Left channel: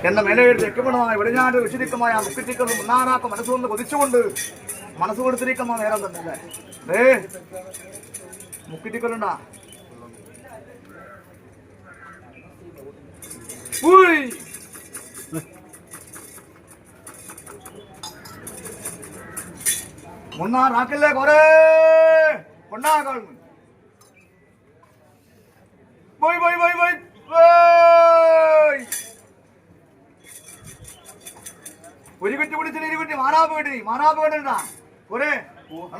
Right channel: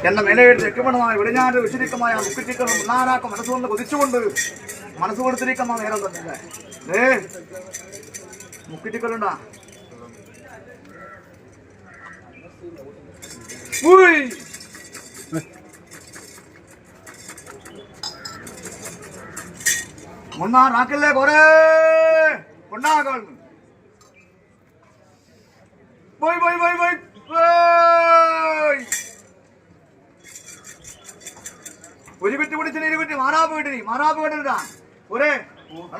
എന്റെ മേലെ തെക്കുമണമായ വെളിഞ്ഞാന്റെ വിശുദ്ധിക്കമായ മുക്കുറ്റിക്കളും മുന്നാനാക്ക മനസ്സുകൊണ്ട് കൊതിച്ചുകൊണ്ട് മനസ്സ് കൊടുത്തിരിക്കുന്ന നേരം തന്നെയല്ലേ മുക്കുറ്റിക്കലുണ്ടാ മുന്നാനാക്കില്ലേ കൊറേ കൊണ്ടാകൾ പോയി പോയി പോയി പോയി ഒരു കുറ്റി പിടിച്ചിട്ട് ഇരുകുറ്റി മാറാപ്പ് കെട്ടി മാറാപ്പ് കെട്ടിട്ടാ ഒരേ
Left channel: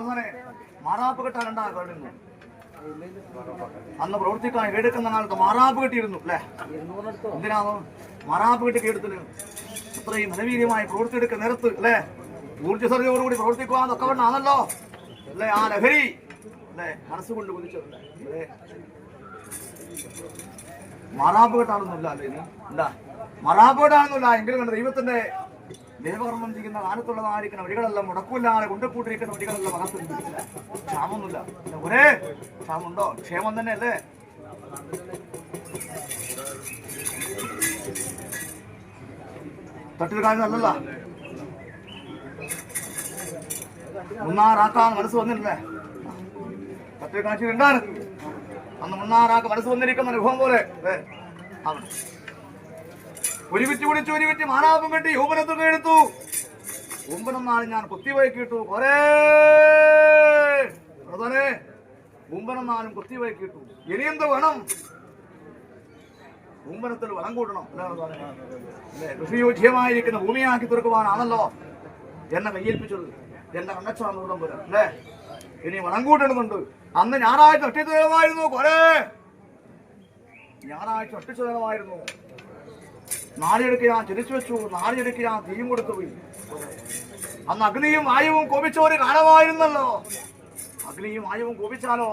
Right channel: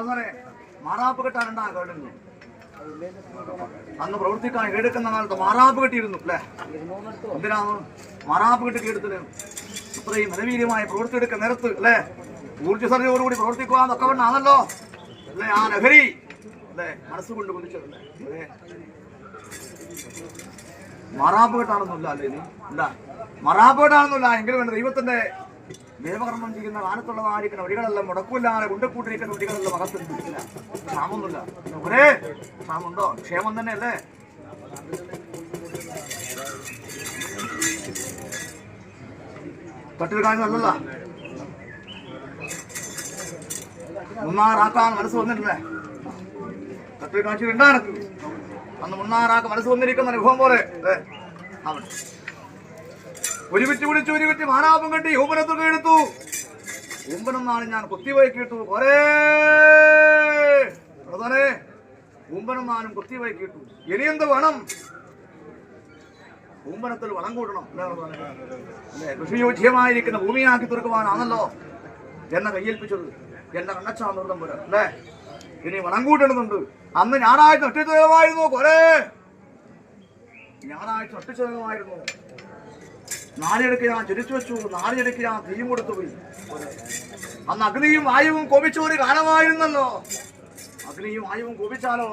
സാറേ മാറാപ്പ് കെട്ടാനുണ്ടാ കേട്ടിരുന്നു അന്ന് പ്രവർത്തിക്കാൻ കേടുക്കുന്ന കാലത്ത് മാറാപ്പ് കെട്ടിയിരുന്നു അല്ലേ എന്തിനാണ് മാറാപ്പ് കെട്ടി കേടുത്തിന് അത്രയും മനവീര്യമായി പ്രവർത്തിയെടുക്കുന്ന നേരത്ത് അല്ലേ ഊർജ്ജസ്വതയോടുകൂടി പ്രവർത്തിക്കുവാന്നൊക്കെ വേണ്ടാണല്ലോ അല്ലേ ആ ലഹരി അല്ലേ മനസ്സുകൊണ്ട് കുതിച്ചതല്ലേ അല്ലേ മാറാപ്പ് കെട്ടാണെന്നില്ല അല്ലേ ഇത് എന്താ മാറാപ്പ് കെട്ടാണെന്നില്ല എങ്കിലും വേണ്ട ദൈവത്തിന്റെ ദേവകർമ്മം ചെയ്യുന്ന കാലത്തുള്ളതായിരിക്കുന്ന വഴികളെല്ലാം മുടക്കില്ലാതെ കൊണ്ടുകൂട്ടിരിക്കുന്ന വഴികളെല്ലാം അകത്തുണ്ട് ക്ഷാമൊന്നുമില്ല ഒരേ ക്ഷാമുണ്ടോ ക്ഷേമം തന്നെ അല്ലേ തട്ടിൽ കാര്യം നല്ലല്ല മുന്നാറാക്കാൻ മനസ്സ് വന്നിട്ടില്ലേ തട്ടിൽ കാഴ്ച ഉണ്ടാനക്ക് അന്ന് മുന്നാറാക്ക് മനസ്സ് വന്നിരിക്കുന്ന അനുഭവം പോലെ അവൻ ഒരു വിറ്റ് പിടിച്ചു ഒരു വിറ്റ് മാനാപം കെട്ടി ഊമ്പനത്തൊക്കെ എടുത്തു ഊമ്പനെന്നാണ് ഞാൻ കുത്തിവയ്ക്കിട്ടു കൊറേ അതോനെ ഊമ്പനെന്നാലും കുത്തിവയ്ക്കിട്ടു ഇനിയെന്ത് വേണം ഊമ്പനത്തിൽ വളം കൂട്ടണം അല്ലേ കൃഷിയോജ്യമായിരിക്കുന്ന ഭൂമിയാക്കി തീർക്കുവാനാണല്ലോ എന്നെ കയ്യേൽപ്പിച്ചത് എന്റെ കണ്ണച്ചാന്നൂർദം പോലെ അല്ലേ ഇനി വളം കൂട്ടണമെന്നുണ്ട് അന്ന് ഞായറാഴ്ച ഒറ്റച്ചുലകമായിരുന്നു കൊറേ ഞായറാഴ്ച ഒറ്റച്ചുലകമായിരുന്നു നാളിയെടുക്ക് ഞാൻ ചിരിച്ചു വെച്ചു നാളിയെടുക്ക് ഞാൻ തീയും കൊടുത്തു പോയി അന്ന് അഗ്നിയും വായുവും കോപിച്ച ഒരു കാലമായിരുന്നല്ലോ അഗ്നിയും വായുവും കോപിച്ചാലോ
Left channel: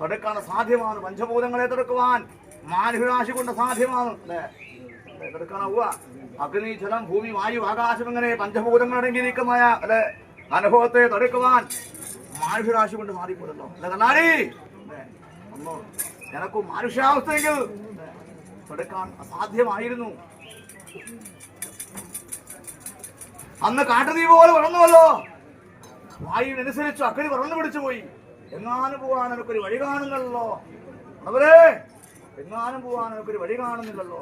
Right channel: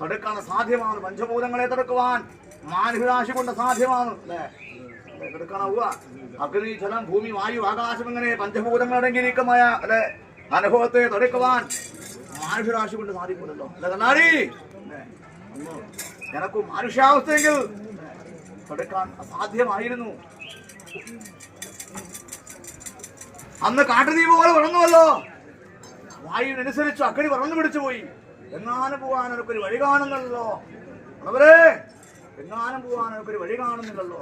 തടുക്കാൻ സാധ്യമാണ് പഞ്ചഭൂതങ്ങളെ തടുക്കുവാൻ മാനുഷിരാശി കൊണ്ട് സാധ്യമാണ് അല്ലേ തടുക്കാനാവുക അഗ്നി ജലം ഭൂമി വായു ആകാശം ഇങ്ങനെ പഞ്ചഭൂതങ്ങളടങ്ങിയിരിക്കുന്ന അല്ലെ അനുഭവത്തെ തടുക്കുവാൻ മാനുഷിരാശി കൊണ്ട് സാധിക്കൂലല്ലോ അല്ലെ കണ്ണാടി എനക്കും മാനുഷ്യാവസ്ഥയെങ്കിൽ തടുക്കാൻ അസാധ്യമായിരുന്നു അന്ന് കാട്ടുതീ പോലെ വളർന്നുവല്ലോ വായുവിനനുസരിച്ച് അഗ്നി വളർന്നു പിടിച്ചു പോയി എങ്ങാനും പോകാൻ എനിക്കൊരു വഴി കാണുന്നല്ലോ അവരെ എങ്ങാനും പോകാൻ എനിക്കൊരു വഴി കാണുന്നില്ലല്ലോ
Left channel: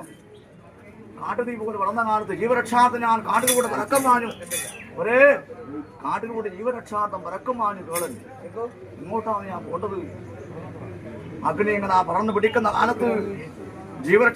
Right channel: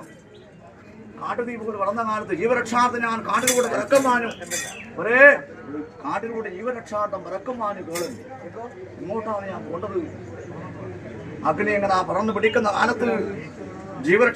കാട്ടുതീ പോലെ വളർന്ന കാലത്ത് ജീവരക്ഷാർത്ഥം ഞാൻ കാട്ടിലൂടെ പരക്കം മാഞ്ഞു ഒരേ കാട്ടിലൂടെ ജീവരക്ഷാർത്ഥം പരക്കം മാഞ്ഞു കേളൻ ഇങ്ങോട്ടാണ് ഞാൻ പോണ്ടത് അഗ്നി എങ്ങനെ പറന്നു പിടിക്കുന്ന കാലത്ത് ജീവരക്ഷ